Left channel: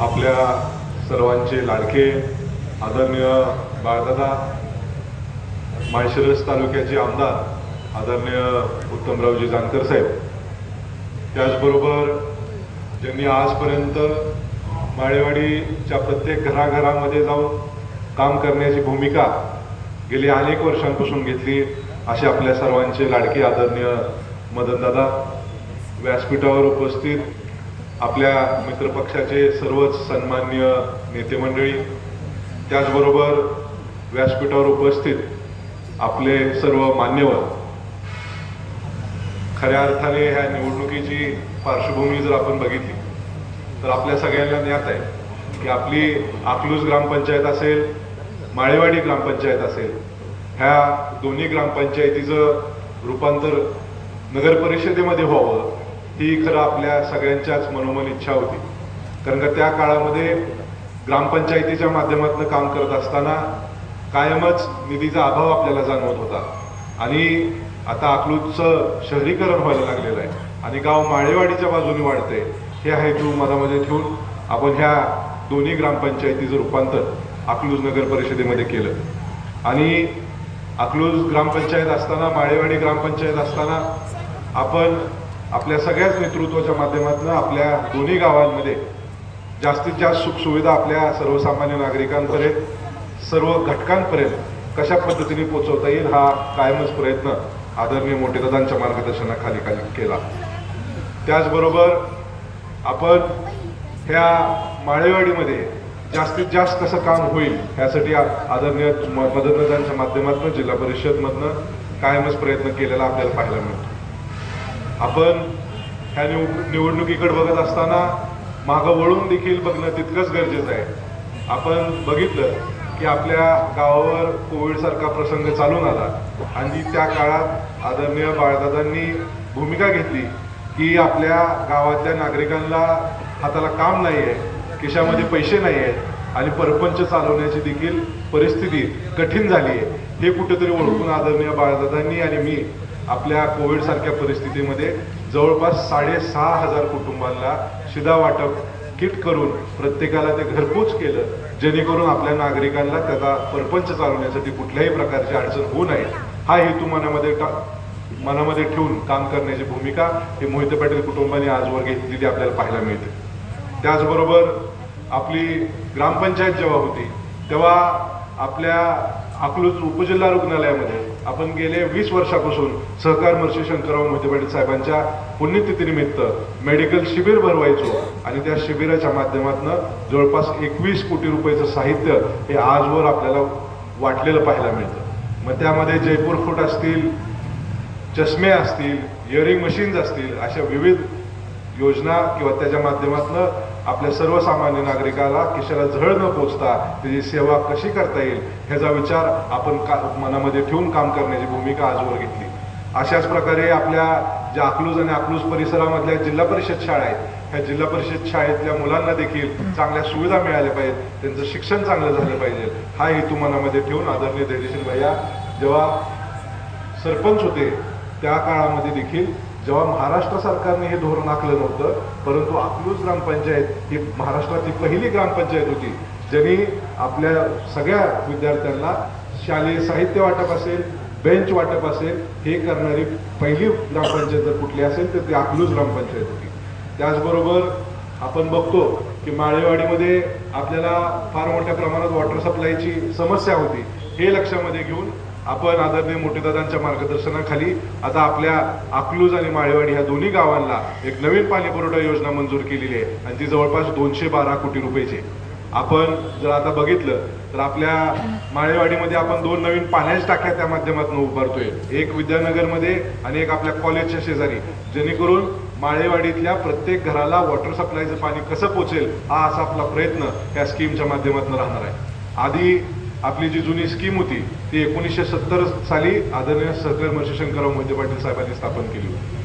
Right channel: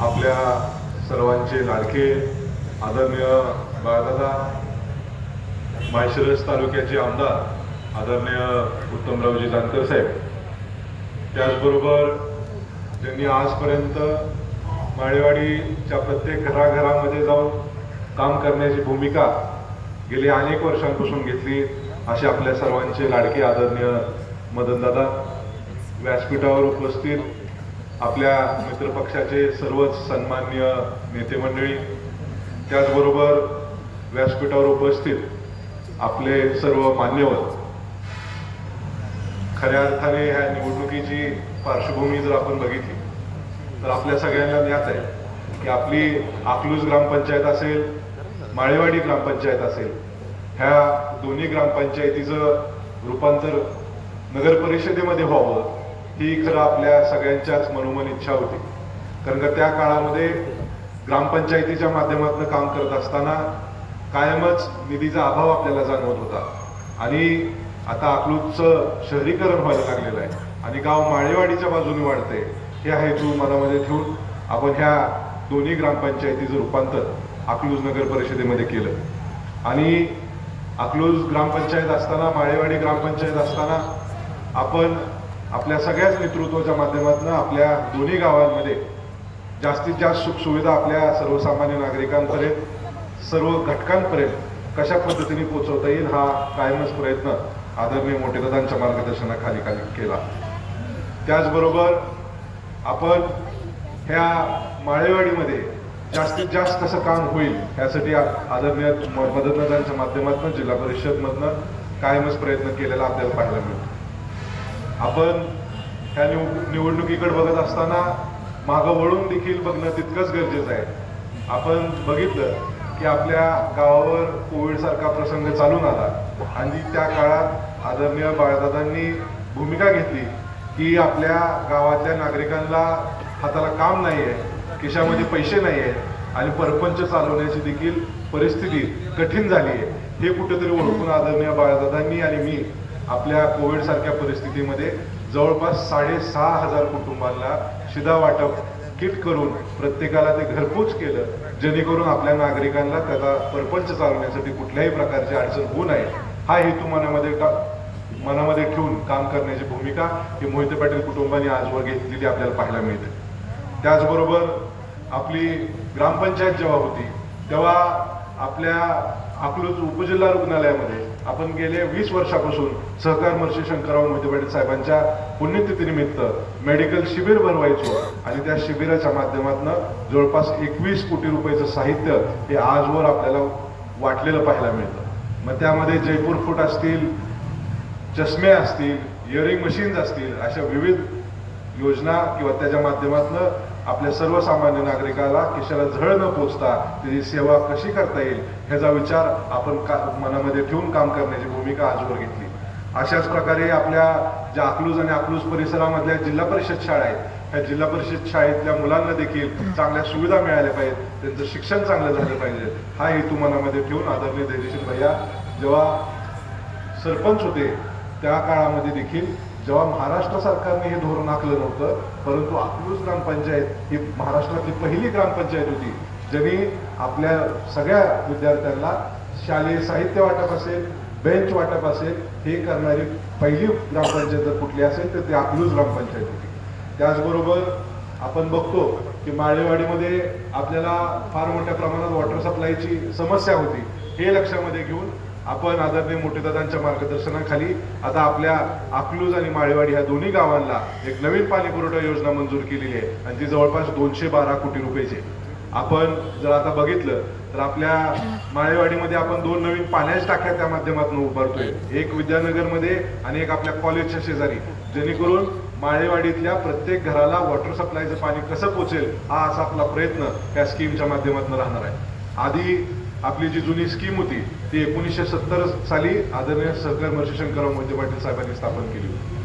आपल्या सर्वांचे लाडके आदरणीय बाळदादा, माळशिरस तालुक्याचे आमदार आदरणीय उत्तमरावजी जानकर साहेब, त्याचबरोबर ज्यांनी आजपर्यंत माळेवाडीच्या प्रत्येक घराघरामध्ये जाऊन काम करण्याची भूमिका गेली अनेक वर्षांपासून घेतली असे आपल्या सर्वांचे लाडके आदरणीय मदनदादा, व्यासपीठावर उपस्थित आपल्या मित्रपक्षाचे सर्वच सन्माननीय नेते मंडळी, त्याचबरोबर व्यासपीठावर उपस्थित आपले सर्व मान्यवर, खऱ्या अर्थाने ह्या निवडणुकीची पार्श्वभूमी जर आपण बघितली तर आपल्या सगळ्यांना ज्ञात आहे की आपली अकलूज ग्रामपंचायत असेल, माळेवाडी ग्रामपंचायत असेल, ह्या दोन्ही ग्रामपंचायतीचं रूपांतर नगर परिषदेमध्ये व्हावं ही खरं आपल्या सगळ्यांच्याच मनोमन इच्छा होती. कारण का त्या काळामध्ये ग्रामपंचायतीच्या माध्यमातून काम करत असताना कायमच निधीचा अभाव आपल्याला जाणवत होता आणि आता अकलूजचं शहरीकरण व्हायला लागलेलं आहे आणि गाव माळेवाडीच्या बाजूने वाढते. हे हेतू मनामध्ये ठेवून आपण ह्या दोन्ही ग्रामपंचायतीचं रूपांतर अकलूज नगर परिषदेमध्ये केलं आणि अकलूज ग्रामपंचायत असताना, माळेवाडी ग्रामपंचायत असताना आपण आपल्या सगळ्याच नेतृत्वाच्या माध्यमातून आपल्या दोन्ही गावांमध्ये जास्तीत जास्त सुखसुविधा आपल्या सर्वसामान्य नागरिकांपर्यंत, सर्व घटकांपर्यंत कशा पद्धतीने पोहोचवता येईल हा कायमच प्रयत्न आदरणीय मोठेदादांच्या मार्गदर्शनाखाली केला. त्याचबरोबर आपण ह्या माळेवाडीमध्ये जास्तीत जास्त कसं काम होईल यासाठी आदरणीय मदनदादांच्या माध्यमातून जिल्हा परिषदमधनं कायमच प्रयत्न केलेला आपल्याला पाहायला मिळतो. आपण ह्या निवडणुकीकडे बघत असताना मागं वळून देखील बघणं तितकंच गरजेचं आहे. आपण बघितलं की आपल्या गावावर कोविडसारखा प्रसंग चालून आला आणि त्या काळात आदरणीय बाळदादांनी भूमिका घेतली की आपल्या गावातल्या नागरिकांना हाताला काम नाही आहे, खिशामध्ये पैसे नाही आहेत आणि परपंच चालवण्याची देखील परिस्थिती कठीण झाली आहे. हे कुठेतरी ओळखून आदरणीय बाळदादांनी आणि मी आपल्या कोविड सारख्या परिस्थितीमध्ये जवळपास 6,500 कुटुंबांना शिधा वाटप किट करून प्रत्येकाला ते घरपोच केलं, जेणेकरून आपल्या नागरिकांना त्याचा परपंच चालवण्यासाठी कुठल्याही प्रकारची अडचण होऊ नये हा हेतू मनामध्ये ठेवून काम करण्याची भूमिका ही मोहिते पाटील कुटुंबाने आजवर घेतलेली आपल्याला पाहायला मिळते. त्याचबरोबर आपली ग्रामपंचायत जेव्हा होती तेव्हा आपल्या अकलूज उपजिल्हा रुग्णालयामध्ये आपण गेले 20 वर्षापासून सहकार महर्षी शंकरराव मोहिते पाटील साहेबांच्या पुण्यतिथीनिमित्त मेडिकल शिबिर भरवायचो आणि त्या शिबिराच्या माध्यमातून जवळपास 21 कोटी रुपयाचं साहित्य हे आजवर आपल्याला वाटलेलं पाहायला मिळतं. मग त्यामध्ये जयपूर फूट असतील, चष्मे असतील, इयरिंग मशीन्स असतील, अशा विविध योजना किंवा त्याच्या माध्यमातून आपल्या सर्वसामान्य नागरिकाला खिशाला झळ न पोचता त्याची सेवा कशी करता येईल ह्याचा विचार आपण मनामध्ये ठेवून काम करण्याची भूमिका आजवर घेतली. अशाच प्रकारे आपल्या ज्या अकलूज आणि अकलूज परिसरामधल्या जिल्हा परिषद शाळा आहेत, ह्या जिल्हा परिषद शाळेतल्या मुलांना देखील चांगल्या सुविधा मिळाल्या पाहिजेत, त्यांचं शिक्षण चांगलं झालं पाहिजे हा हेतू मनामध्ये ठेवून आदरणीय धैर्यशील भैया जेव्हा सरपंच होते त्या काळामध्ये देखील जेव्हा महाराष्ट्र सरकारने हे धोरण आखलं नव्हतं, परंतु अकलूज ग्रामपंचायत ही महाराष्ट्रातली पहिली ग्रामपंचायत होती ज्यांनी आपल्या सगळ्या विद्यार्थ्यांना शालेय साहित्य वाटप असेल, बेंच वाटप असेल हे करणारी पहिली ग्रामपंचायत जर कुठली असेल तर ती अकलूज ग्रामपंचायत होती. त्याचबरोबर आपण बघतो की माळेवाडीमध्ये आपल्याला फार मोठ्या प्रमाणात वॉटर सप्लायची समस्या होती. हे लक्षामध्ये घेऊन आपण आदरणीय मोठेदादांच्या मार्गदर्शनाखाली आता आपल्या अकलूज आणि माळेवाडी ह्या दोन्ही गावांना एक नवीन पाणी पुरवठा योजना मंजूर केलेली आहे आणि ती जवळपास 212 कोटी रुपयाची. आपण जर आता बघितलं तर आपल्या माळेवाडीमध्ये आपण 2 नवीन पाण्याच्या टाक्या त्या माध्यमातून उभारतोय, एक विद्यानगरमध्ये आणि एक आपल्या कॉलेजच्या शेजारी, जेणेकरून माळेवाडीतल्या प्रत्येक घराला वॉटर सप्लायचं पाणी कसं पोचेल हा असा आपला प्रयत्न या स्कीमच्या माध्यमातून राहणार आहे. आधी आपली जी जुनी स्कीम होती ती 1970 साली आदरणीय सहकार महर्षी शंकरराव मोहिते पाटील साहेबांनी स्थापन केली होती.